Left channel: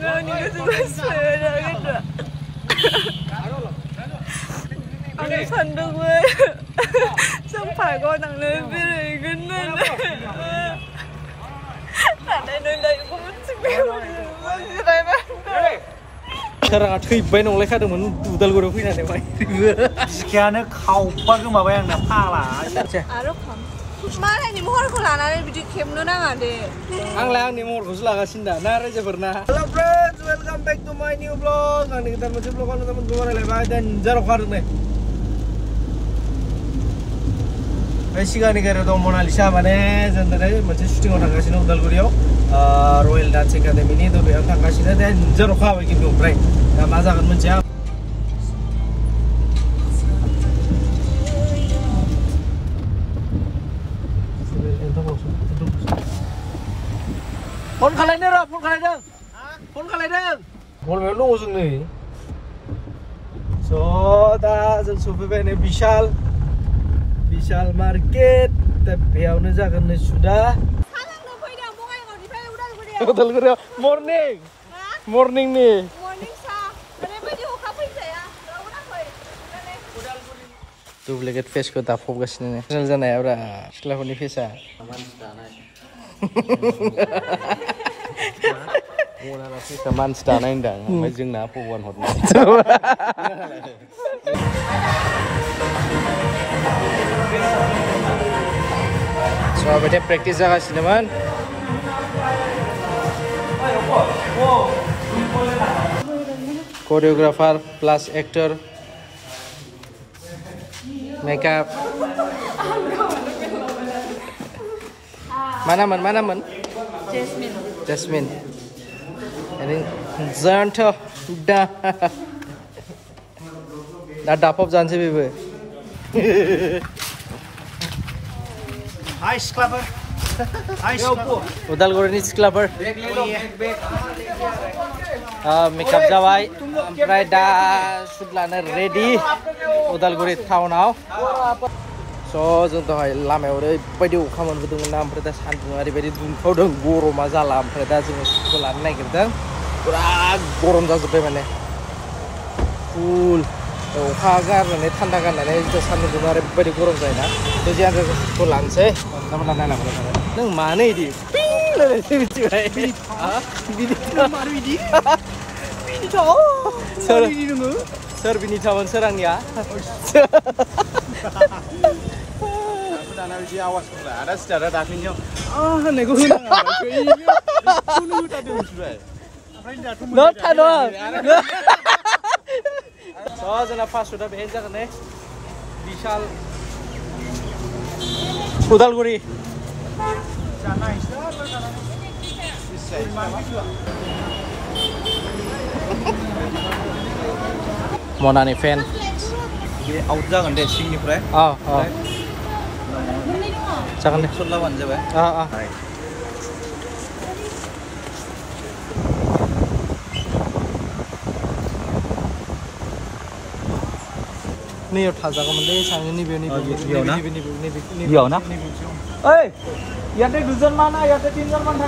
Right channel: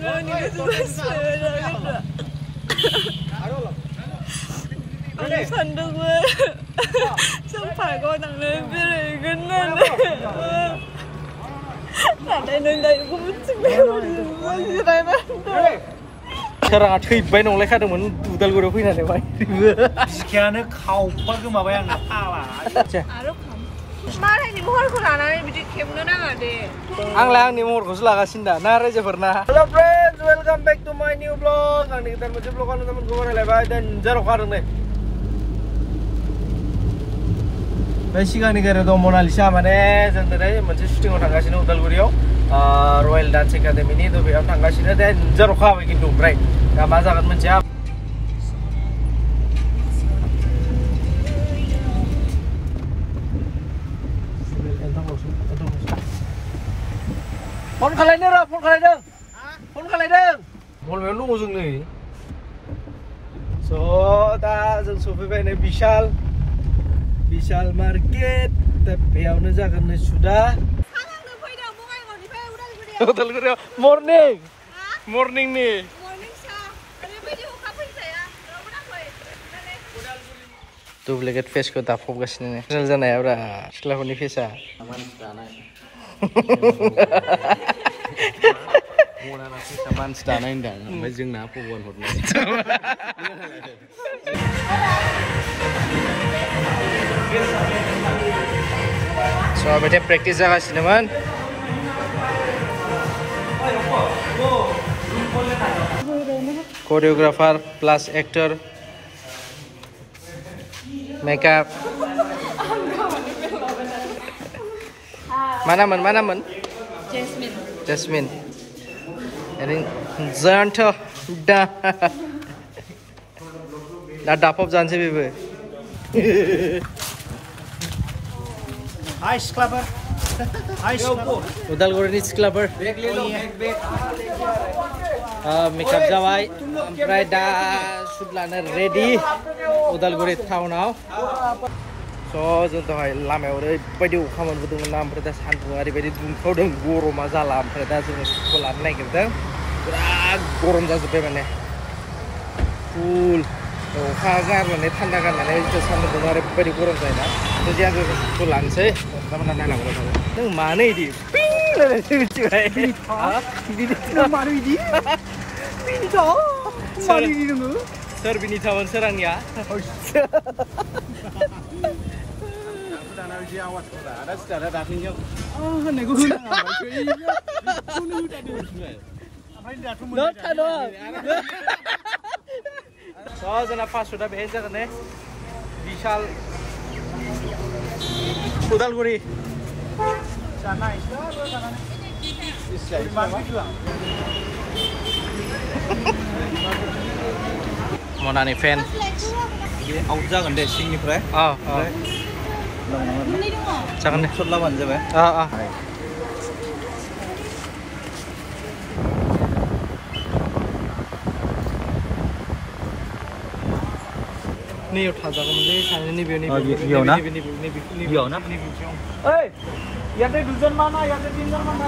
Ini kesukaan sepeda gitu. Aku sandung gue. Sampai kau nang lebih gini. Ada nilai gue masih ada. Sekarang aku ibain oleh kadang udal gue rugi nanti bay. Sekian kau apa mabai yang napala. Aduh kam. Mana ini mohon kau nana ini bidik kemana nggak Ang ni mau kursus laga sinda. Nara aja pernah. Hello friends, welcome back to my new vlog. Kali kita mau vlog teman gue mana lebar dan jaro kadang nih. Basic nih kira tuh Mona Lisa mana, sebenarnya macam syuting orang kasih nih udal gue Royal Dance Academy ini tuh biar orang kasih nih dan jaro kau gitu, right? Nah masa kan mencap. Phone kali ni rak, phone kali deng. Phone kali deng. Phone melu usung ni. So, dah sufi bene Vishal Market. Tapi awak ni jangan ni sudah. Salah nak pergi dah, bunga yang di sana udah Udal gurau. Morning. Morning ni. Morning sah. Ada baju hukum aja ya. Kalau nak pergi. Tu boleh get face ko tak fokus ni. Kenal jana ya, ora. Setelah ni face ah. Mula nasi teman sedana indah, macam nak puan hot. So, betul practice agak sih teman. Choreographer plus actor, makeup. Mana man? Jasmine. Ini zanto dah. Dah dapat jangan sih bebe. Ice clubber. Udal Guri clubber. Makeup jawai. Ampai dah sudah ready. Udal Guri town now. So, contoh lama udah pada ukaman betul nam perda santung hari pada kau dong goro masalah perda semua sekolah naik kita kurang gorom dah sampai mana cool kagar mana tanda kan mana itu santung hari pada gorom saya nak tu jangan sekolah sih Nama nana nama nana. neng mana ini ping lah sih cuy Bini maru ini. Bini tahu. Maru ini dulu. Sir bini cawan serang ya. Aku dah nak uji awas pula. Ada secara taknya. Nego hunang apa? Cuy, kuno hutan tu sudah. Not ano. So, jana fast sudah beja kan Vishal Udal Guri. Sana islah atau sana? Islah. Mona ni fan. Dia out jangan deh sing ni pre. Jangan deh. Lawan je bah. Ni udah jago mending sana ni biar Biar na? Oi, ya ada design mana? Ya ada design mana?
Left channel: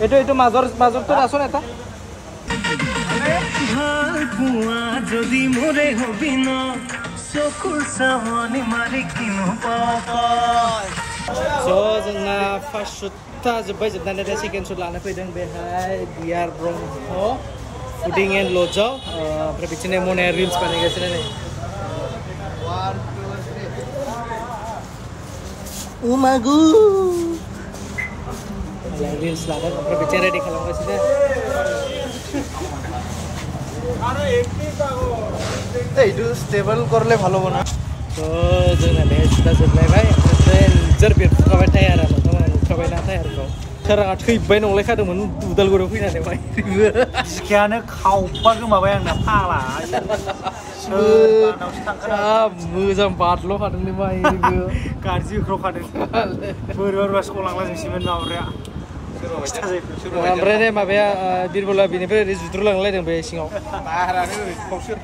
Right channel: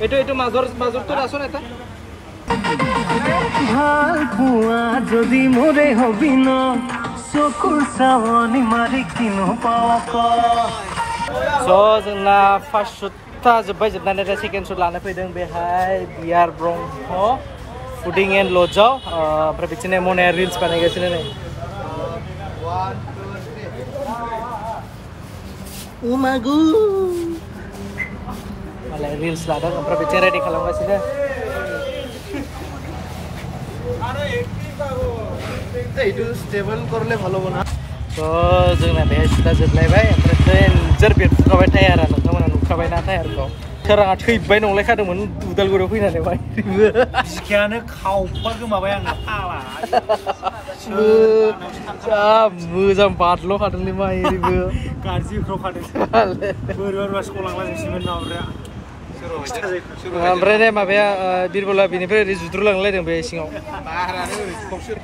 Itu mazor tu raso neta. ভাল পোৱা যদি মোৰে হবি ন চকুৰ চাৱনি মাৰি কিনো পাওঁ কয় So, jana fast shoot ta jebai jebna ada second shoot lana pedang behai biar Bronco Puding and Lojau prebicine mone reels panai gasine nih 1, 2, 3. Umagu malah reels lada prebicine ready kalau gasine itu stable korle bhalo na. So, jangan behas kita jeblay bay. Present jerbit kau tayar anu, kamu anu kau na tayar kau. Sekarang aku ibain oleh kadang udal gue rugi nanti bay. Sekian kau apa mabai yang napala. Sampat lo kadang ni bay. Karji kau kadang. Baru masuk ulang lagi semen naurnya. Ambre ni mabaya dirbola bini pre justru lang leh deng be singau. Parah ni fokus.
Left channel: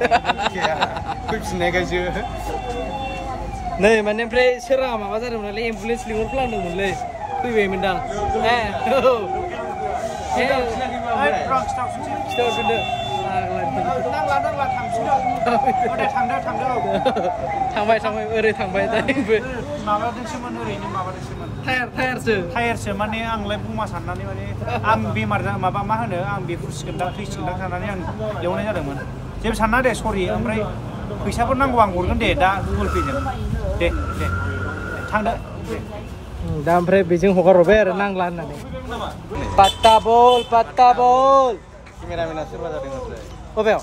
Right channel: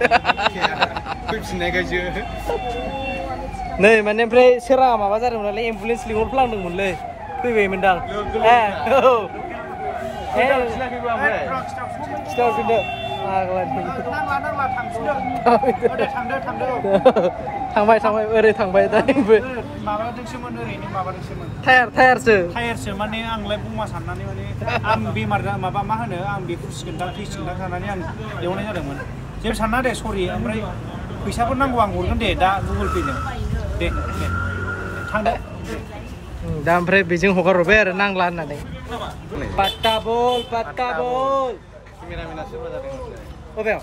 Kuis nega je. Nih mana pre serang apa bazar mana le ambulance lingor pelang deng mulai. Kui be mendang. Stop sudah. नांला थांसुदो दे थांदो थांबाय ओरै थांबाय दाबो माबादोंसोमोन ओरैनो माबादोंसोमोन टायारसो माने आंलाय बुंमा साननानै माने आं बेमार माबा मा होनो आं बेफोरसिगोनदां थैसिगोनदां साननानै आं एवनाय जादोंमोन जेबो सानना दे सरि ओमफ्राय फैसाफोर नांगौ आं हरगोन दे दा गुगोल पे जों दे थांदो दा ओमफ्राय बेजों हगारहरबाय आरो नांला होननानै पात्ता बल केमेरामेना सोरबा जादों ओमफ्राय बबेयाव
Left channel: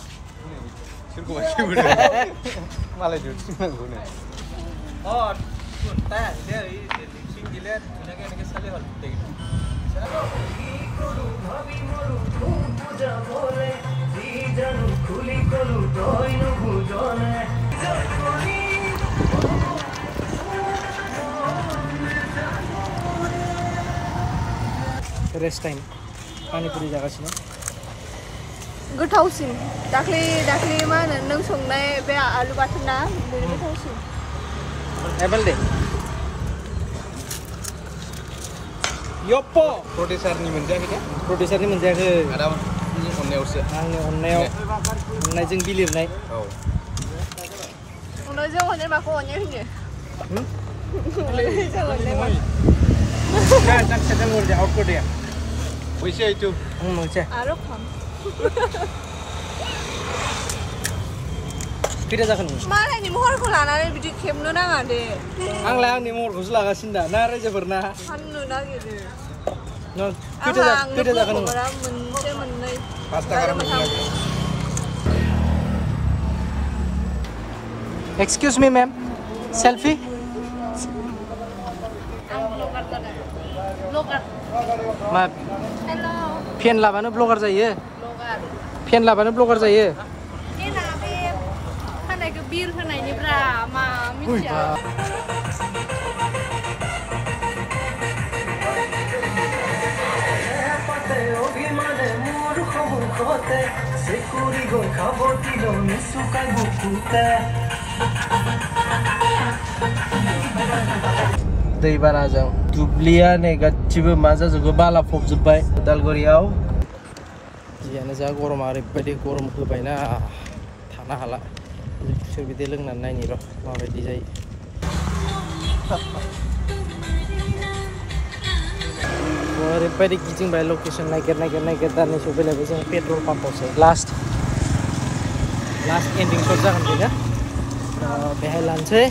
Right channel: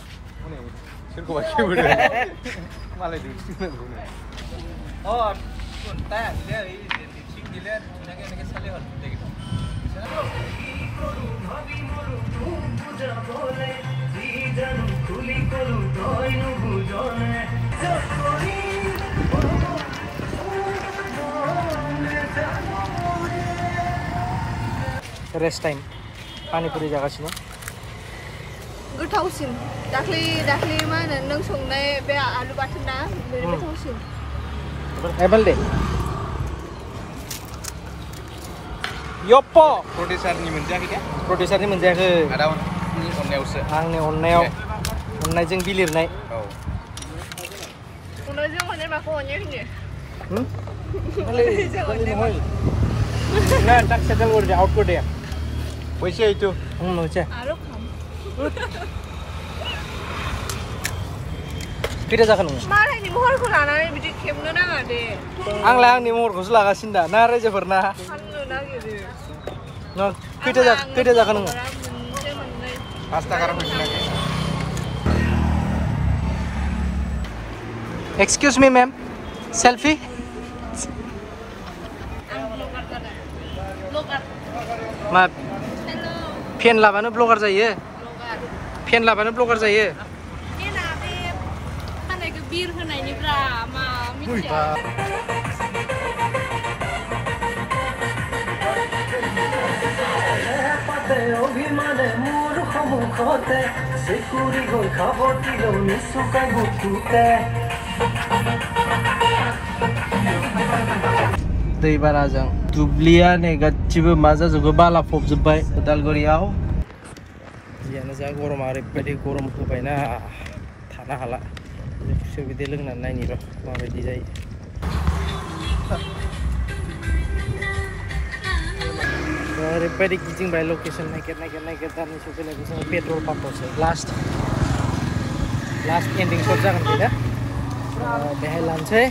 सोरखौबा सेबोदों मालाय दिन्थिनांगौ नो ता दिले लिपसिंग दिले धुनियाके এনেকে চালে হল দেখি रेस्ट टाइम पानीपुरी जागासिनो गोथावसिन दाख्लि मा होनो नों संनाय बे आलु बाथोन ना बेनो गोथावसिन एबल दे यप्पो प्रडिउसारनि मोनजायाखै आदा अननायावसो आंनि अननायजों बिलिरनाय औ अननायजों अननाय माखौ अननाय होनो अननायजों अननाय मा ना टाक सेटल कर दे आउट कर दे पैसे आइतो मोनसे आरो खाम खैथा जाखो नों मालायनि महरखौ लानानै बिदि खेबनो नाङा दे आंलाय आंनि महरखौसो लागासिनो दा ना रायजोफोरना फाननो नागिरो नों खैथा जाखो नों मोनसे मोननै 5 टाका मोननाय एक्सक्यूज मी मैम सेल्फी आं ब्लगार जादों ब्लगार मा हेल' फेन लाबानो ब्लगार जायो ब्लगार फेन लाबानो ब्लगार जायो एना बे खानायखौ बिर होनायनिब्रा मा मिथिया दैबानाजों दुब्लिया नै गासिबो मा जाजोबो बाला फबजोब्बाय उदालगुरियाव जियानो जा गरमा ओरैबायदि गरम होबायना थानो हाला खुसेर बिदै लोंनानै नायनि र' माबायदि जायो ओरैबायदि गिदिंबाय लकेसन नागिर दा नै सफैलायबाय जों पेट्रल पाम्पआवसो लास्ट एन्डिं शट जागोन बेनो बेहाय लानोसै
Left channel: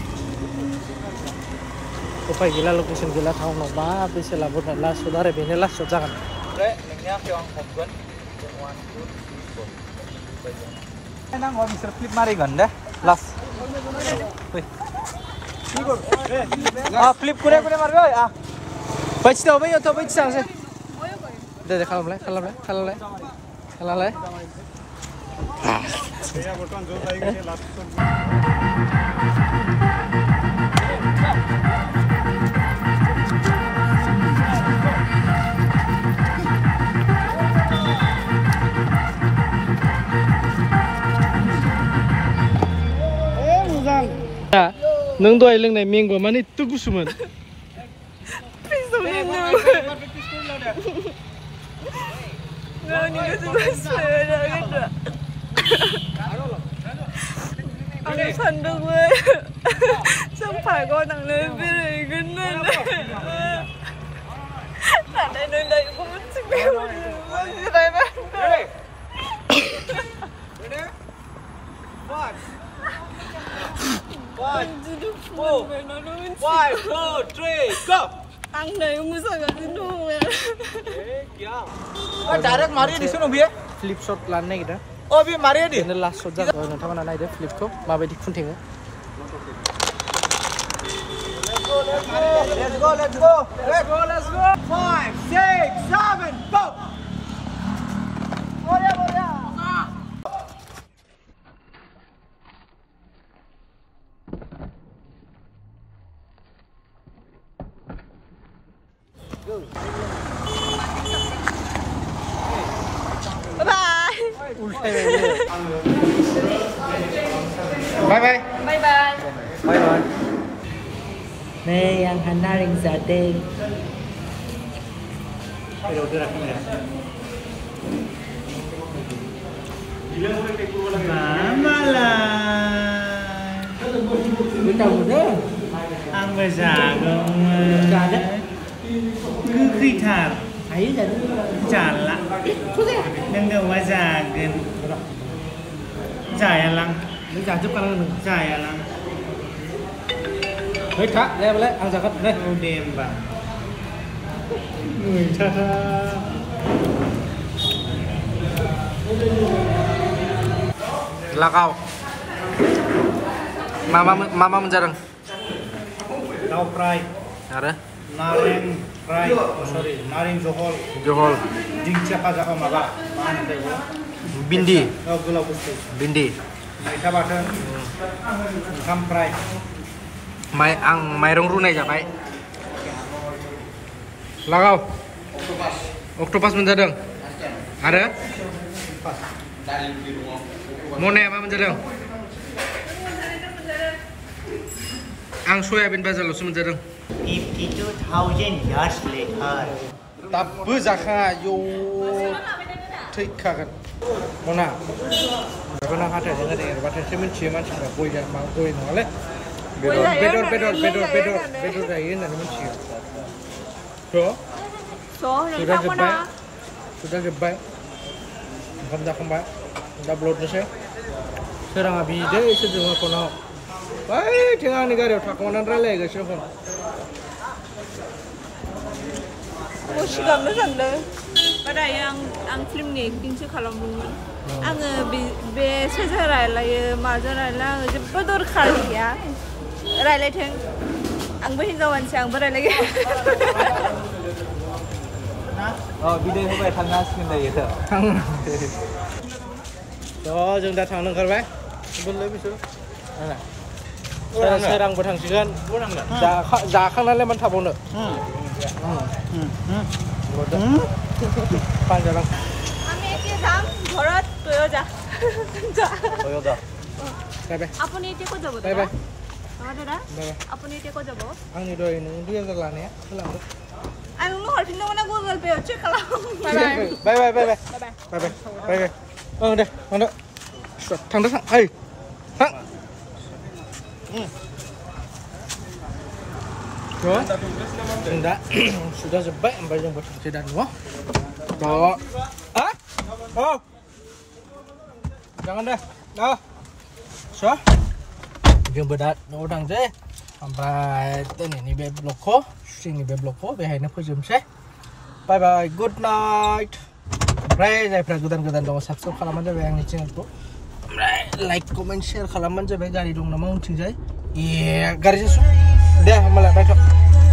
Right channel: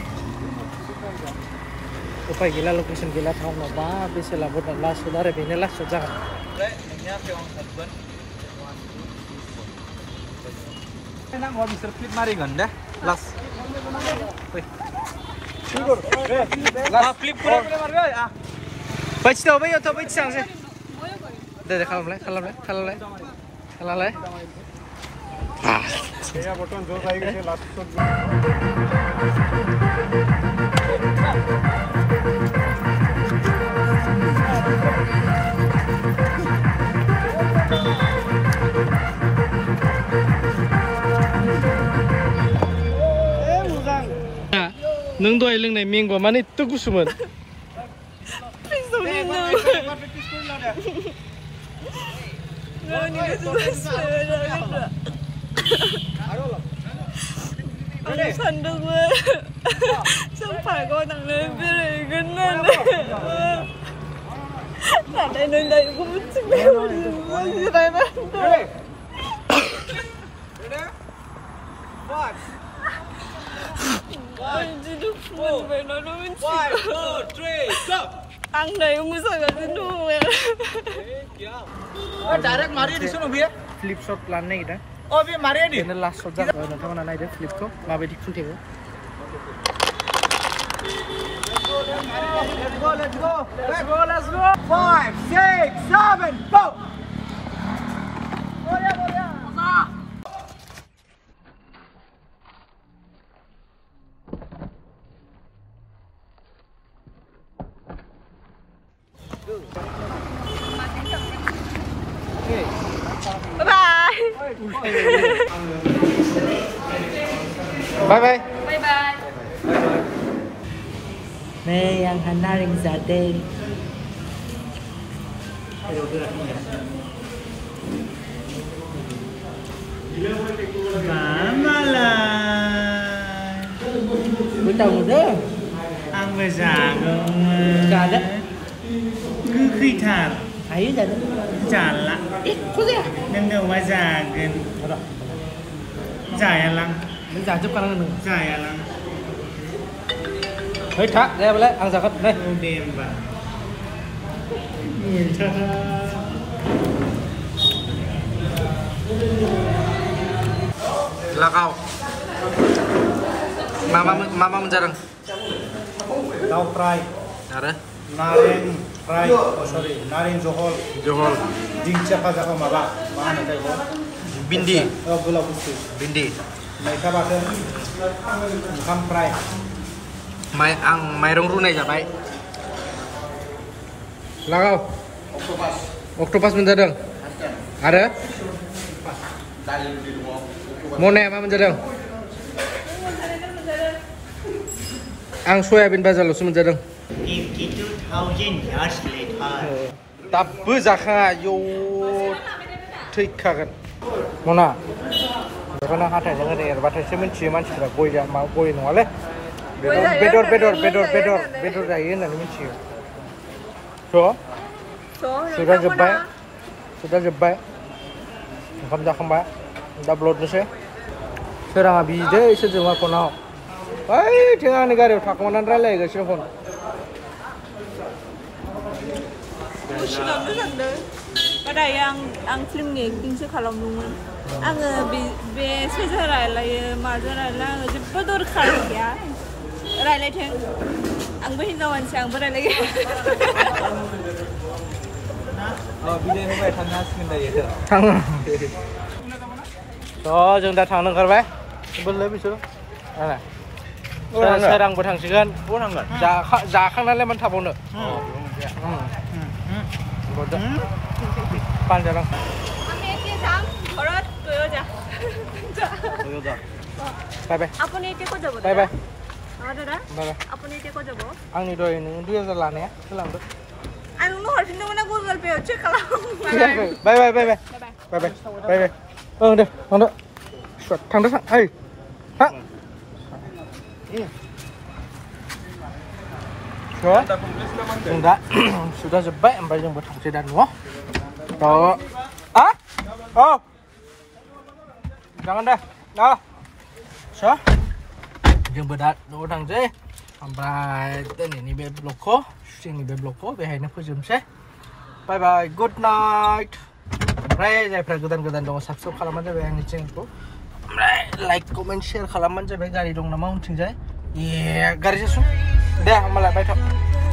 उपाय गैला लकेसन गैला टाउनाव मा बेसे लाबोदों लास्ट शट आरो बेनो लास्ट शट जागोन ओमफ्राय नोंनि आखायाव आं हमगोन नांगौ बिसोर फ्लिप मारिगोन दे लास्ट फ्लिप कुरे मारबाय बैथियाव बैथियावसै दे खालामलाय नों दहाय लोंनाय मेंग'आ माने एथ' गुसुमोन आं सानदोंमोन जों पार्कआव थांनो बेरायगोन होननानै नाथाय नों दायो गुबुनथिं जिरायबाय आं दायो मोसागासिनो दङ फ्लिप शट लानो नागिरदों बेनो लास्ट शट जागोन नोंथांमोना नायदो फ्लिपखौ माबायदि खुन्थिङो Bye. Đây yang Hana ring zating. Malah. Tahu dah. Ang jagung. Jadat. Kekitar. Ayo jadi. Jala. Neng wajagen. Jaya lang. Mình trả giúp con mình. Jaya lang. Hơi thả, đây lại ăn giặc đây. Udem ba. Lakau. Mama menjarang. Tahu fry. Ada. Naring fry. Oh sorry, naring johol. Johol. Dingcha kaja maba. Mana tahu? Bindi. Oh gula bustu. Bindi. Mereka badan. Kam fry. Mairong runai ja bai. Lakau. Octopus menjarang. Ada? Mone apa menjarang? Ang soyabin bazalusu menjarang. 52,000 years later. Tapi zakha yo थैखागोन मना बेखौनो हाथायजों ओरै एरबाथायसो मिन्थियो मानसिफ्रा गय नङालै बेदर जायो होननानै मिन्थियो सुदा जोब्बाय ओंखाम जाखांबाय दा ब्लडनोसै सोराङा बिदै सोरजोंबा फनाव बैथिं आंनि गारियाव थाखोमानानै रायलायगासिनो fun pada yang film ni kingsi kalau nungun, angge be sejarah laye majalah lang jemput dor khas ya, rai teng, ang behin jawan siang berai lagi. Oh video ni boleh tangga skin dah ya. Tangga. So जों दा थांनो ओंखारबाय बोलै बिसोर आना सोरांबो थांसिगोन जाखांनानै मानो थाबावनो पानजालां আমি এতিয়া যাম ঘৰত গৈও যা বাই বাই আপুনি এতিয়া ক'ত যাব বাই বাই দাদা বাই বাই আপুনি এতিয়া ক'ত যাব आंनि दहाय नों 2000 लानाया होलांदो आं नोंनो हरफिननो मोना गुगल पे चेक खालाम bye bye bye bye bye bye ओं दे थांदो ओइ थां जों दा सुदा जोब्बाय ओमफ्राय जोंबो थांसै दा न'आव औ jangan deh so जोंबो दा न'आव थांसै ओमफ्राय दिनैनि बे ब्लगखौ जोंनि बे ब्लगखौ बेहायनो फोजोबनोसै बाय बाय गुड नाइट ओमफ्राय जायफ्रा गोदान दङ साबस्क्राइब खालामबानो जाबाय आंनि चेनेलखौ ओमफ्राय लाइक कमेन्ट शेयार खालामबानो जाबाय गारि दं नामा उनथिंजाय गारि जोसुं दे होमबालाय बायथ'